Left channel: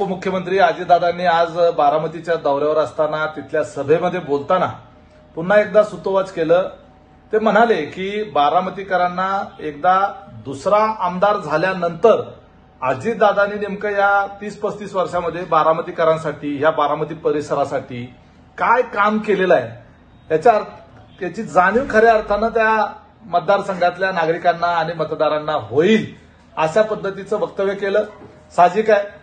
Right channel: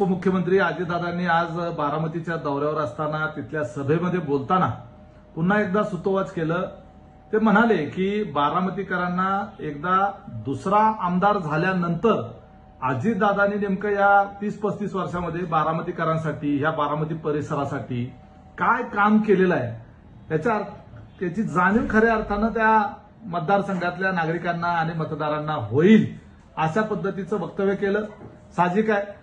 उपमुख्यमंत्री अजितदादांनी आज बारामतीच्या दौऱ्यावर असताना तिथल्या सभेमध्ये बोलताना पुन्हा एकदा सुतोवाच केलं। ते म्हणाले की बारामतीकरांना एकदा दुसरा आमदार झाल्यानंतर अजितदादांनी नेमकं या 30-35 वर्षामध्ये बारामतीकरांसाठी ह्या बारामती परिसरासाठी काय काम केलेलं आहे त्याची जाणीव खऱ्या अर्थानं त्या मतदारसंघातल्या नागरिकांना आणि मतदारांना होईल अशा पद्धतीचं वक्तव्य केलं। साहजिक आहे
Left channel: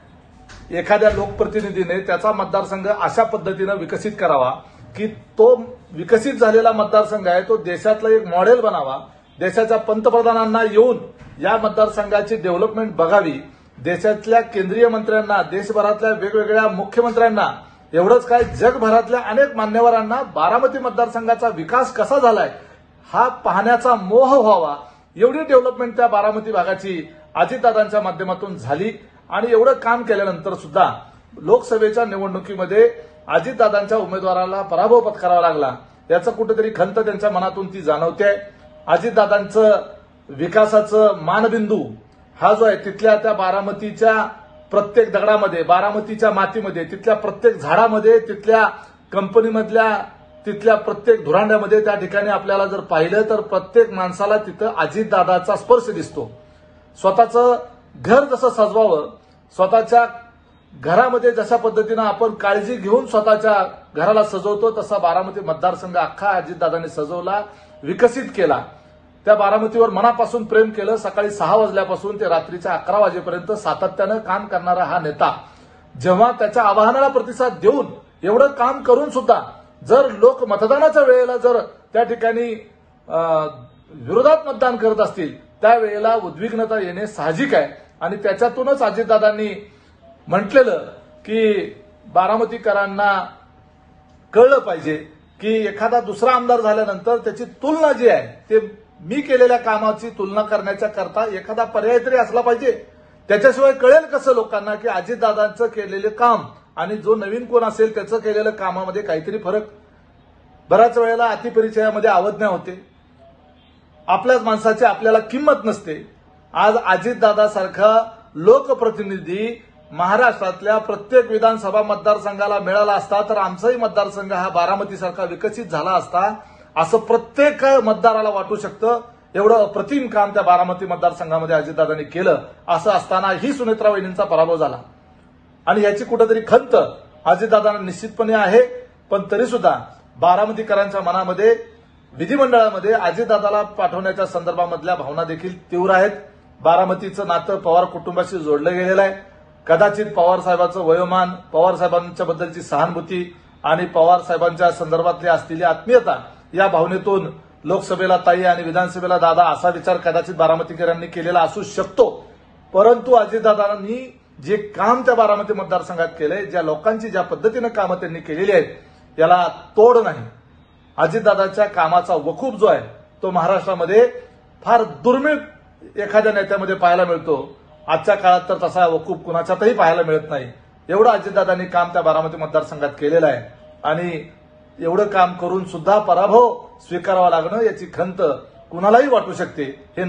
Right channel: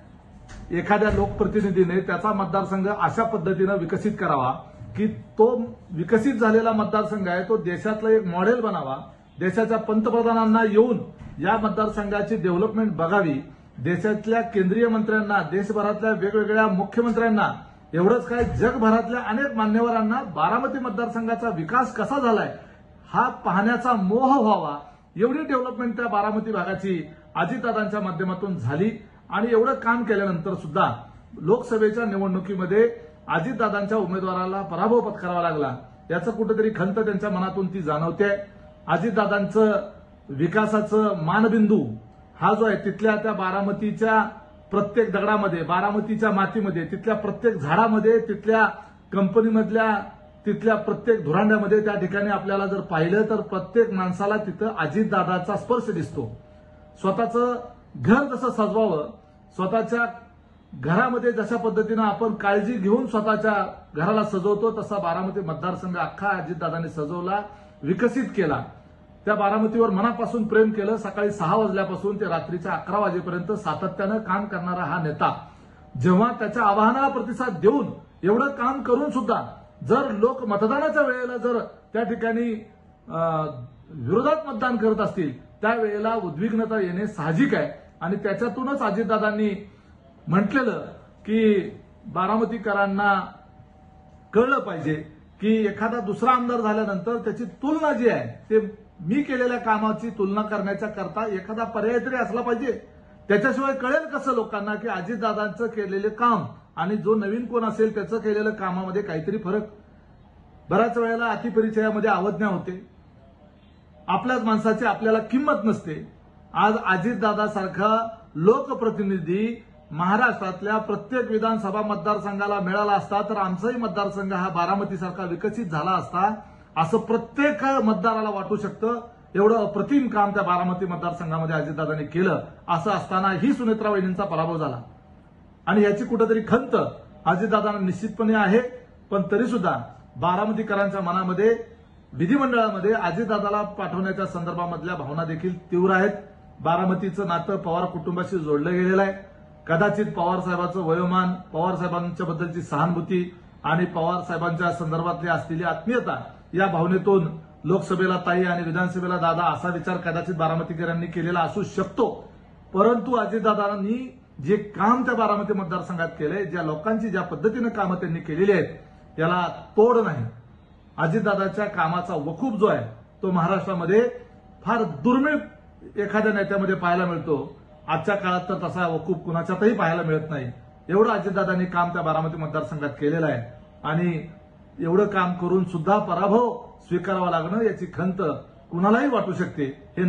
एखाद्या लोकप्रतिनिधीने त्याचा मतदारसंघ अशा पद्धतीनं विकसित करावा की तो विकसित झालेला मतदारसंघ आहे तो देशातला एक मॉडेल बनावा, देशाच्या पंतप्रधानांना येऊन या मतदारसंघाची डेव्हलपमेंट बघावी, देशातल्या केंद्रीय मंत्र्यांना, देशभरातल्या वेगवेगळ्या मुख्यमंत्र्यांना, एवढंच काय जगभरातल्या अनेक मान्यवरांना बारामती मतदारसंघाचा विकास कसा झालाय हा पाहण्याचा मोह व्हावा, एवढी डेव्हलपमेंट त्या बारामती भागाची अजितदादांच्या माध्यमातून झाली। आणि एवढं काम केल्यानंतर सुद्धा लोकसभेच्या निवडणुकीमध्ये अजितदादांच्या उमेदवाराला पराभव पत्करावा लागला याचं कुठेतरी खंत त्यांच्या मनातून ती जाणवते। अजितदादांचं विकासाचं मानबिंदू हा जो आहे तिथल्या त्या बारामतीच्या प्रत्येक दगडामध्ये, बारामतीच्या मातीमध्ये, तिथल्या प्रत्येक झाडामध्ये, तिथल्या कंपनीमधल्या तिथल्या प्रत्येक धुरांड्यामध्ये त्या ठिकाणी आपल्याला जर पाहिलं तर प्रत्येक माणसाला तिथं अजितदादाचा स्पर्श दिसतो। स्वतःचं घर जसं सजवावं, स्वतःच्या घरामध्ये जशा पद्धतीनं आपण काळजी घेऊन स्वतःच्या घराला सजवतो तसा बारामती मतदारसंघ अख्खा अजितदादांनी सजवला, विकसित केला। त्या बारामतीवर मनापासून प्रेम केलं। सकाळी 6 वाजल्यापासून ते रात्रीच्या 11 वाजेपर्यंत सातत्यानं काम करणारा हा नेता जेव्हा त्याच्या आवाहनाला प्रतिसाद देऊन एवढं काम करून सुद्धा जर लोक मतदानाच्या वेळेला जर त्या ठिकाणी विरोधात मतदान करत असतील त्यावेळेला उद्विग्नता येणे साहजिक आहे। आणि त्याच्यातूनच अजितदादांनी म्हटलेलं की बारामतीकरांना कळलं पाहिजे की एखादा दुसरा आमदार झाल्यानंतर त्याची तुलना जी आहे ते मी केलेल्या कामाची तुलना करण्याच्या करता एखादा पर्याय तरी असला पाहिजे। त्याच्याशिवाय कळेल कसं लोकांना की अजितदादांचं केलेलं काम आणि जो नवीन कोण असेल त्याचं केलेलं कामामध्ये काहीतरी फरक। बऱ्याच वेळेला अतिपरिचयामध्ये अवज्ञा होते, आपल्याच माणसाची आपल्याला किंमत नसते। आज अजितदादासारखा लोकप्रतिनिधी महाराष्ट्रातल्या प्रत्येक विधानसभा मतदारसंघाला मिळाला असता तर आमचाही मतदारसंघ हा बारामतीसारखा विकसित झाला असता असं प्रत्येक मतदाराला वाटू शकतं। एवढं अप्रतिम काम त्या बारामती मतदारसंघामध्ये अजितदादांनी केलं। असं असताना ही सुनेत्रा वहिनींचा पराभव झाला आणि याची कुठेतरी खंत अजितदादांना निश्चितपणे आहे। पण तरी सुद्धा बारामतीकरांच्या मनामध्ये विधिमंडळामध्ये अजितदादाला पाठवण्याच्या संदर्भामधल्या भावना देखील तीव्र आहेत। बारामतीचं नातं पवार कुटुंबाशी जोडलं गेलेलं आहे। कदाचित पवार साहेबांचं वयोमान, पवार साहेबांच्या बद्दलची सहानुभूती आणि पवार साहेबांच्या संदर्भातली असलेली आत्मीयता या भावनेतून लोकसभेला ताई आणि विधानसभेला दादा असा विचार कदाचित बारामतीकरांनी केलेला असू शकतो। परंतु अजितदादांनी जे काम त्या बारामती मतदारसंघात केलंय, ज्या लोकांची ज्या पद्धतीनं कामं त्यांनी केलेली आहेत याला तोड नाही। अजितदादाच्या कामाचा वकूफ जो आहे तो महाराष्ट्रामध्ये फार दुर्मिळ एखाद्या नेत्यामध्ये पाहायला मिळतो। आजच्या काळात तर तसा वकूफ कुणाच्यातही पाहायला मिळत नाही। एवढं अजितदादांनी काम त्या बारामती मतदारसंघात केलेलं आहे आणि एवढं काम करून सुद्धा पराभव स्वीकारावा लागणं याची खंत कुणालाही वाटू शकते। हे